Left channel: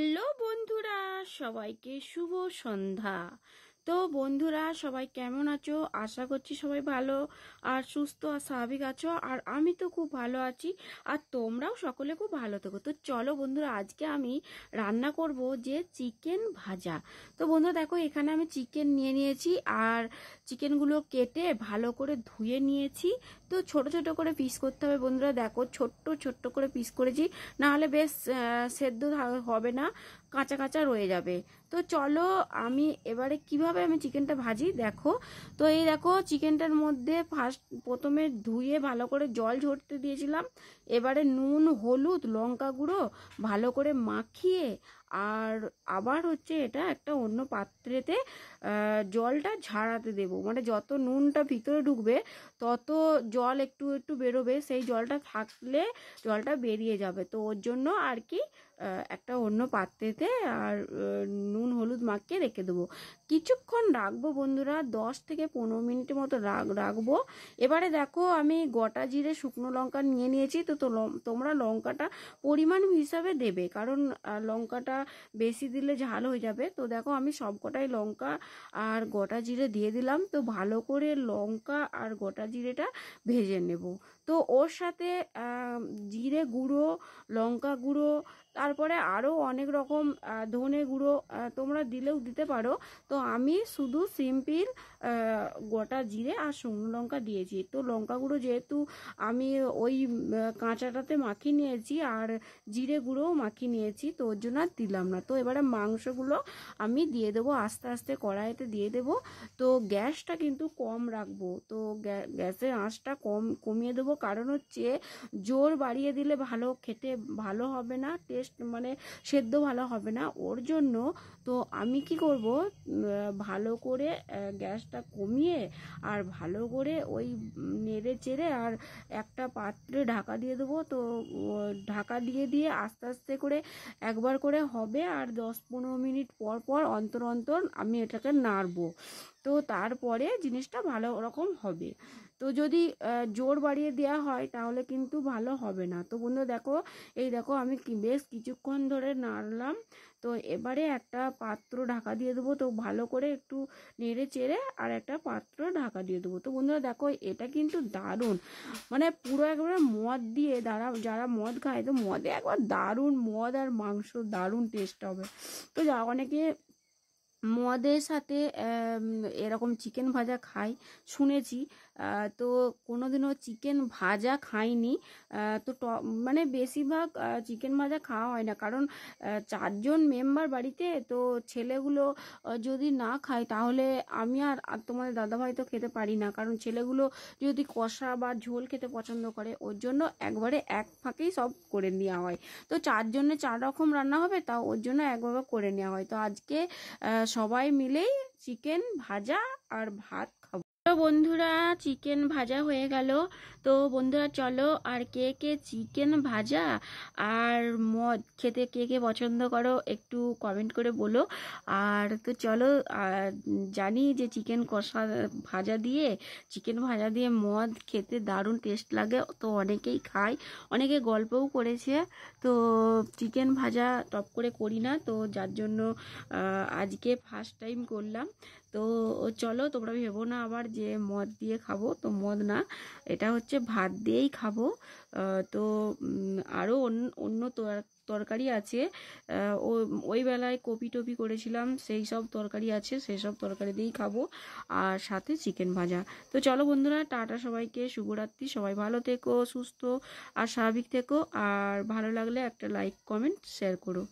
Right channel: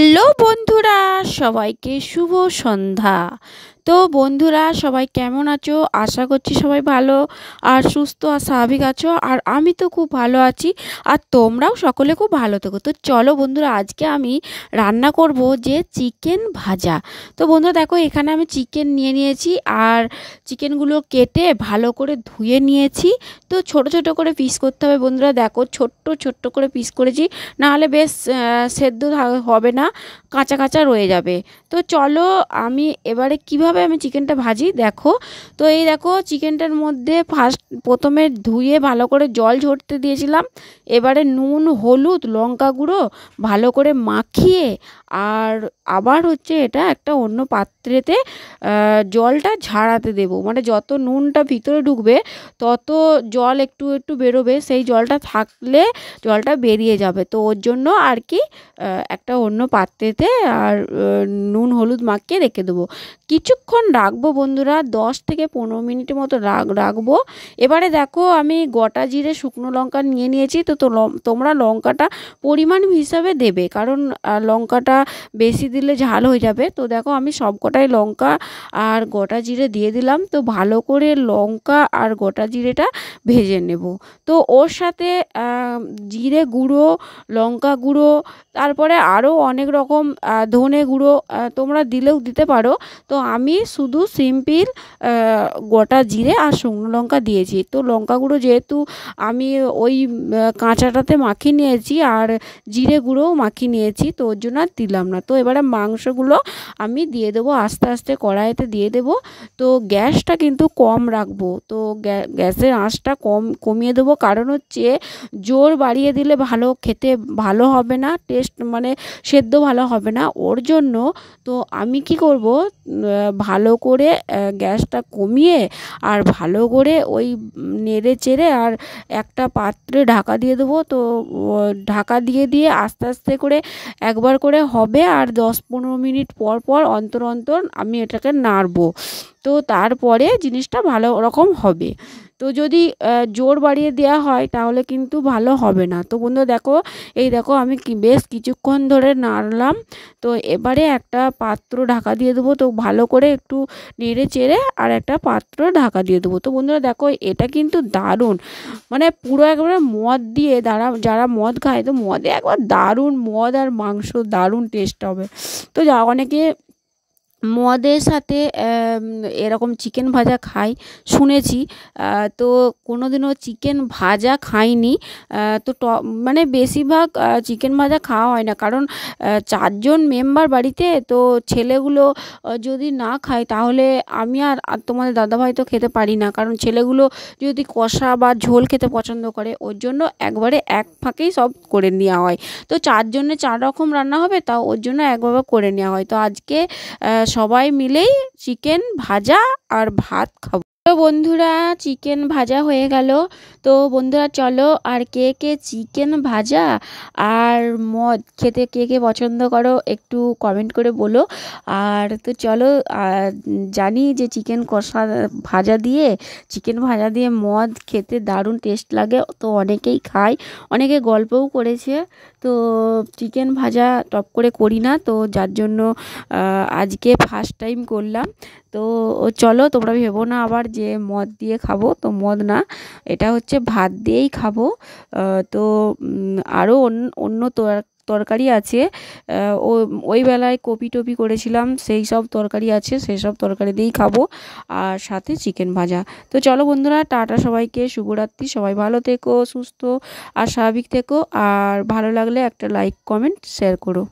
Hello বন্ধুরা, সবাইকে শুভ সন্ধ্যা। তো বন্ধুরা, সবাই কেমন আছো? আশা করছি সবাই ভালো আর সুস্থ আর স্বাভাবিক আছো। আর আমি তো খুব ভালো আছি, আর তোমরাও সকলে খুব ভালো থেকো। তো চলো বন্ধুরা, আজকে আমি রান্না করব যে চিকেন ভাজা। তো বন্ধুরা দেখো, এখানে আমি চিকেন নিয়ে নিয়েছি আর চিকেনগুলো কেটে ভালো করে ধুয়ে নিয়েছি। তো ছোট ছোট করে পিস করতে হবে বন্ধুরা। দেখো, ছোট্ট ছোট্ট করে পিস করেছি, নাহলে বেশ সেদ্ধ হবে না, কাঁচা কাঁচা রয়ে যাবে। তো চলো আমি এবারে কিভাবে আমি চিকেনটা ভাজি দেখো। তো এই দেখো, চিকেনটার মধ্যে প্রথমে ধুয়ে ভালো করে জল ঝরতে দিয়েছিলাম। এবারে নুন, হলুদ, লঙ্কা গুঁড়ো ভালো করে মাখিয়ে আর আবার এটা একটা অন্য পাত্রেতে জলটা ঝাড়াতে দেবো। মানে যত নুনটা ভিতরে ঢুকবে তত জল একটু একটু বেরোবে, সেই জলটা থাকলে জলটা বেরিয়ে যাবে। তো ওর জন্য আর কি একটা অন্য পাত্রেতে আর নুন হলুদ মাখিয়ে রেখে দেবো। কিছুক্ষণ রাখবো বন্ধুরা, 10 থেকে 15 মিনিটের মতো রাখবো। এবারে দেখো, আমি গোটা জিরে, শুকনো লঙ্কা নিয়ে নিয়েছি। তো তোমরা লঙ্কাটা পরিমাণ হিসাবে দেবে, কারণ লঙ্কাটা বেশি দিলে ঝাল হয়ে যাবে। তো দেখো, আমি সব কটাই লঙ্কা আর গোটা জিরে দিয়ে দিলাম। তো ভালো করে লঙ্কা আর গোটা জিরেটা ভেজে নেব। তো ওর সাথে জিরে গুঁড়ো, লঙ্কা গুঁড়ো, তারপরে আরও অনেক রকম ধনে গুঁড়ো তোমরা দিলেও দিতে পারো। তো আমি শুধু সিম্পল গোটা জিরে আর শুকনো লঙ্কা দিয়েছি। তো লঙ্কা গুঁড়ো যেহেতু আমি ওই কাঁচাটাতে মাখিয়ে নিয়েছি আর জিরে গুঁড়োও মাখিয়ে নিয়েছি, তো ওর জন্য আর দিলাম না। তো এবারে মাংসগুলো আমি দিয়ে দেবো, আস্তে আস্তে কড়াইতে দিয়ে দেবো। তো গ্যাসটা কিন্তু কম রাখবো। তো গ্যাসের আঁচটা কমিয়ে দেবো, কারণ জোর বাড়িয়ে দিলে খেতে ভালো হবে না, টেস্ট মানে সেদ্ধ ভালো হবে না। ওর জন্য তো আমি কি করব, ভালো করে গ্যাসটা কমিয়ে আর ভালো করে ওই নেড়ে চেড়ে আর একটা পাত্রে ঢাকা দিয়ে দেবো। তো ঢাকা দিয়ে দিয়ে আস্তে আস্তে করে একবার করে হবে, আর 10-15 মিনিট পর পর অন্তর অন্তর আমি এটাকে নাড়বো। তো তারপরে জিনিসটা ভালো রকম হবে। তো যদি জোর বাড়িয়ে দেওয়া হয় তাহলে কিন্তু ভালো হবে না। তো বন্ধু দেখো, এই দেখো আমি বেশ কিছুক্ষণ ধরে নাড়লাম। তো এবারে একটা পাত্র ঢাকা দিয়ে দেবো। তো ভালো করে একটু নেড়ে চেড়ে আর একটা পাত্র ঢাকা দিয়ে দেবো। তো বন্ধুরা দেখো, এটা কিন্তু দারুণ, মানে পুরো একবারে মদ দিয়ে, যারা মদ খায় তো মদে একবার দারুণ, মদ আর মাংস দারুণ টেস্ট হবে। তো অনেকে মদের সাথে এরকম চিকেন ভাজা খাই শুনেছি। তো কোনোদিনও চিকেন ভাজা খাইনি। তো মানে বেশিরভাগ চিকেন ভাজা খাওয়া হয় না, কারণ 4 জন মেম্বার বাড়িতে। তো ছেলেগুলো যদি না খায় তাহলে আমি আর তোমাদের দাদাভাই তো খেতে পারি না, কারণ ছেলেগুলো যদি কষা বা ঝোল খেতে পছন্দ করে, ওর জন্য একবারে এক ফাঁকেই সব করে নেওয়া হয়। তো 4 জনে 4 রকম রান্না হবে, তাও ওর জন্য একভাবে করে নেওয়া হয়। তো আজকে সবাই মিলেই চিকেন ভাজা আর ভাত খাবো। তো বন্ধুরা, চিকেন ভাজা হয়ে গেল। তো বন্ধুরা চলো, আর কে কে চিকেন ভাজা আর মদ খেতে কে কে পছন্দ করো একটু কমেন্ট করে বলো। আর তো চলো, জানি যে চিকেন কষা ভাজা দিয়ে, চিকেন ভাজা দিয়ে মদ খেতে দারুণ টেস্ট লাগে। তো অনেকেই খায়, অনেকে গল্পও করেছে। তো চিকেন ভাজা টপ করে করি না, তো যার জন্য আজকে ফার্স্ট টাইম করলাম। তো চলো, তোমরা ভেবো না আবার যে মদ দিয়ে খাবো, তো মদ না, এটা ভাত দিয়েই খাবো। তো আরও অন্য তরকারি আছে। ওই বেলায় কপি টপি করেছিলাম, সেই সব তরকারি আছে, সেই সব তরকারি দিয়েই খাবো, আর সাথে চিকেন ভাজা। তো চলো বন্ধুরা, টাটা সবাইকে, শুভরাত্রি। সবাই ভালো থেকো, সুস্থ আর স্বাভাবিক থেকো। আর ভালো লাগলে একটা লাইক, কমেন্ট, শেয়ার করো।